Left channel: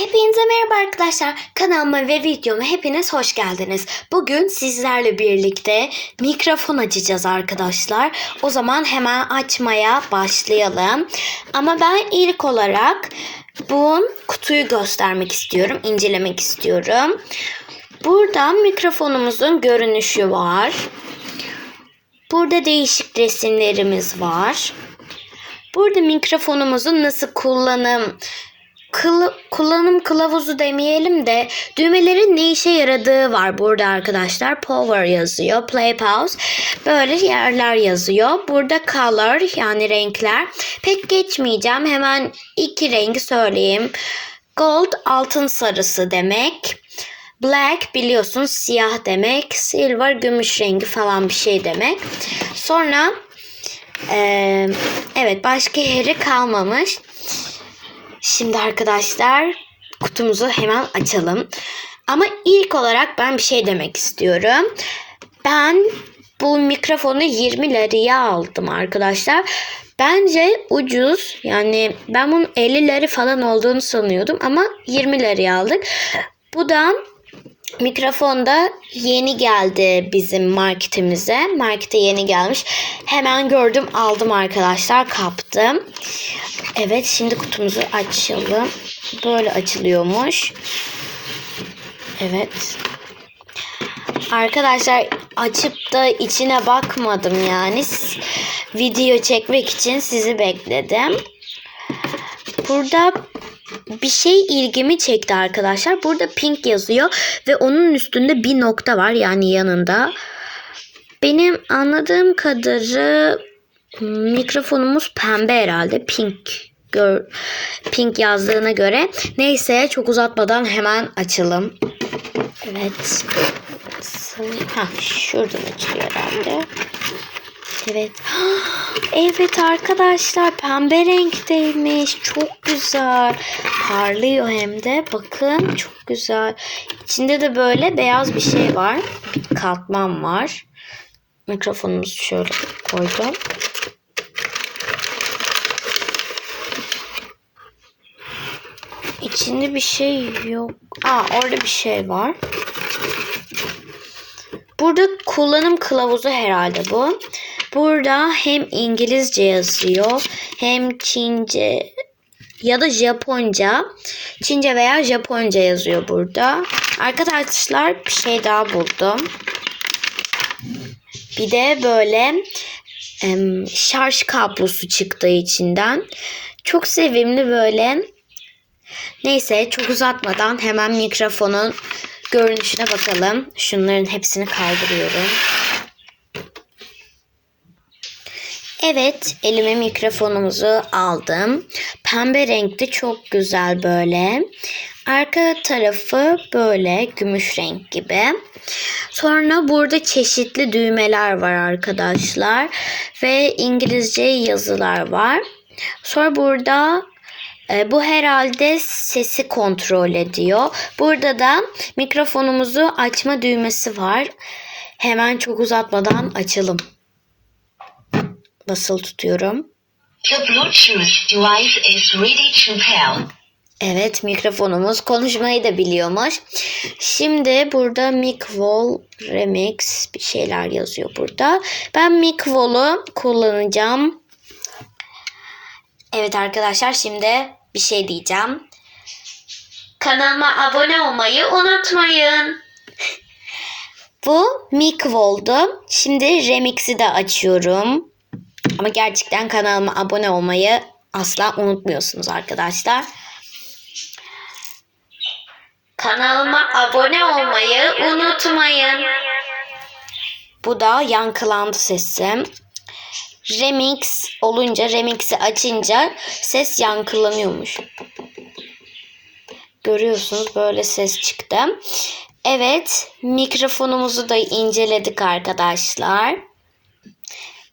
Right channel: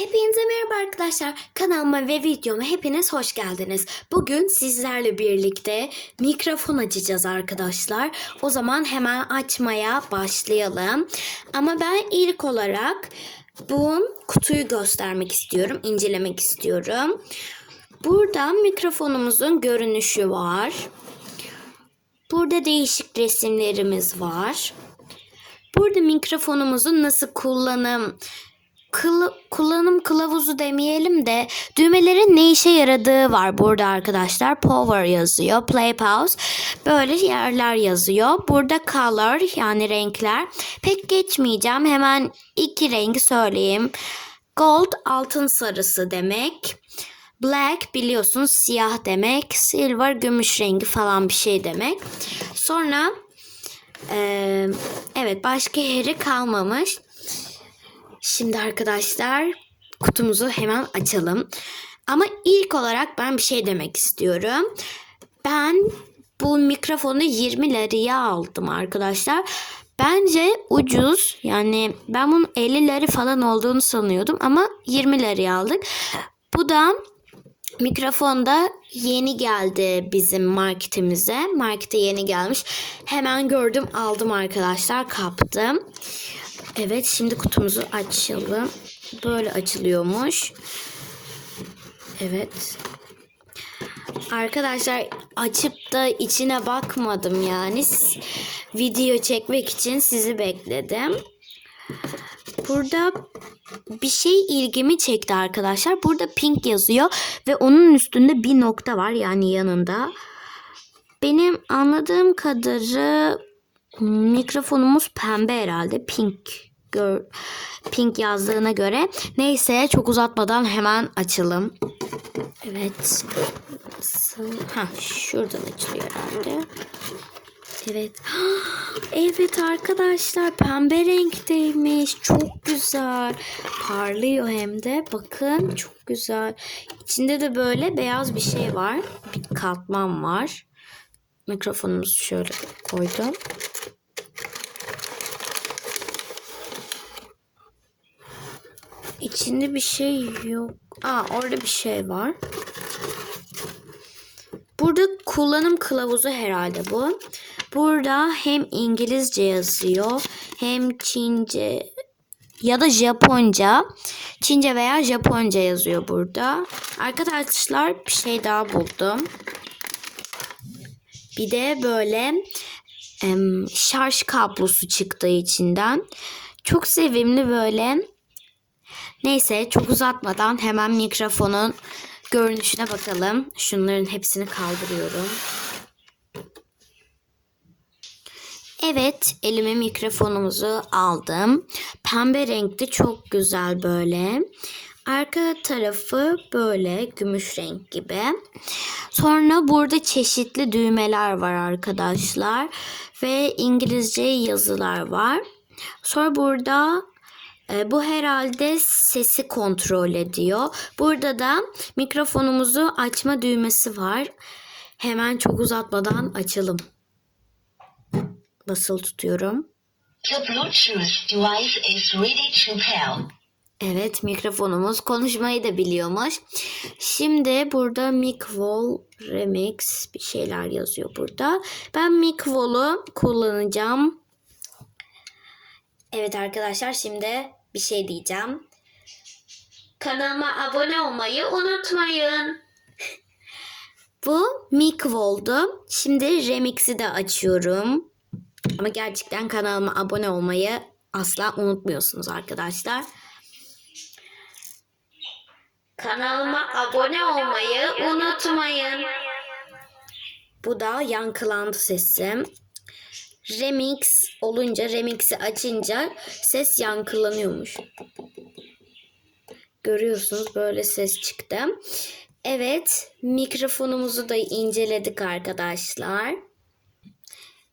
Hepinize merhaba arkadaşlar. Kanalıma ve videoma hepiniz hoş geldiniz. Bugün sizlerle birlikte mikrofon açacağız arkadaşlar. O zaman hemen açmaya başlayalım. Ama ben ilk olarak bu kutuyu göstermek istiyorum, incelemek istiyorum. Burada mikrofonumuzun görünüşü var. Burada değişik resimlerimiz var. Burada mikrofonumuzun nasıl kullanım kılı- kullanım kılavuzu demeyelim de düğmelerin ne işe yaradığı var burada arkadaşlar. Power yazıyor, play pause böyle yerler yazıyor. Burada color yani renkler. Pek geçmeyeceğim. Hemen iki rengi söyleyeyim. Gold altın sarısı demek. Black biliyorsunuz siyah demek. Silver gümüş rengi falan bir şey demek. Sonra eee, evet başka yeri kalmamış. Şimdi arkadaşlar kutumuzu hemen açalım. Ama ilk olarak ben bir şey demek istiyorum. Ben bu mikrofonu 20 liraya aldım arkadaşlar. Bence ucuz. Yani ben bunun 50 lira falan olduğunu sanıyordum ama 20 liraya aldık. Bu da mikrofon da yeni geldi bizim marketimize. Markete yeni gelmiş. Hemen gördüm aldım arkadaşlar kaptım. Evet şimdi kutumuzu açalım. Böyle açılıyormuş. Evet. Arkadaşlar açıp da içine bakmadım yani. Video çekmek için sizi bekledim. Burada bir şey ilgimi çekti arkadaşlar. Burada pink yazıyor ve onun üstünde bir nokta var yani yanında. Benim anladığım kadarı mikrofonumuz pembe herhalde. Pink gör pink yazdığına göre. Neyse çok uzatmadan hemen açalım. Evet. Ha şuradan açılıyor herhalde. Evet. Evet arkadaşlar pembe renkteymiş. Çok güzel. Parlıyor hem de. Bakın çok güzel. İçinde de böyle beyaz bir şey var. Bir katman var. Mikrofonumuzu şöyle koydum. İçinde bir şey yok. Aa orada bir şey var. Burada kullanım kılavuzu herhalde bu. Burada hem İngilizce yazıyor hem Çince ya da Japonca. Çince veya Japonca yazıyor burada. Arkadaşlar bir şey daha buldum. Bir de böyle şarj kablosu çıktı içinden. Çok sevimli böyle. Neyse çok uzatmadan hemen mikrofonun görünüşüne bakalım. Şunların hepsini kaldırıyorum. Evet, elime mikrofonumuzu aldım. Pembe renkli çok güzel böyle. Arka tarafı böyle gümüş renk gibi. Sonra burada çeşitli düğmeler var arkadaşlar ve İngilizce yazılar var. Sonra burada e, bu herhalde sesi kontrol ediyor. Burada da mikrofonumuzu açma düğmesi var. Hemen çok uzatmadan açalım. Basılı tutuyorum. The Bluetooth device is ready to pair. Evet mikrofonumuz konuşmayı da biliyormuş. Şimdi burada Micvol Remix bir şeyler yazıyor burada. Ben Micvol'u kullanacağım. Evet arkadaşlar şimdi bir şey diyeceğim. Kanalıma abone olmayı unutmayın. Bu Micvol'du. Şimdi Remix'i de açıyorum. Ama gerçekten kanalıma abone olmayı asla unutmuyorsunuz arkadaşlar. Kanalıma abone olmayı unutmayın. Bu da yankılandı sesim. Remix olunca, remix'i açınca ses yankılanıyormuş. Görüyorsunuz böyle ses çıktı. Evet, mikrofonumuzu da inceledik arkadaşlar.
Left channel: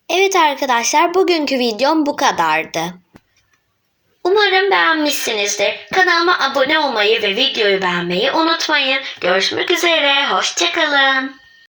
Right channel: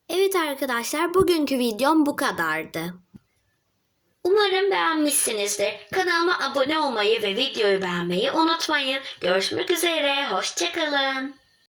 Evet arkadaşlar, bugünkü videom bu kadardı. Umarım beğenmişsinizdir. Kanalıma abone olmayı ve videoyu beğenmeyi unutmayın. Görüşmek üzere, hoşçakalın.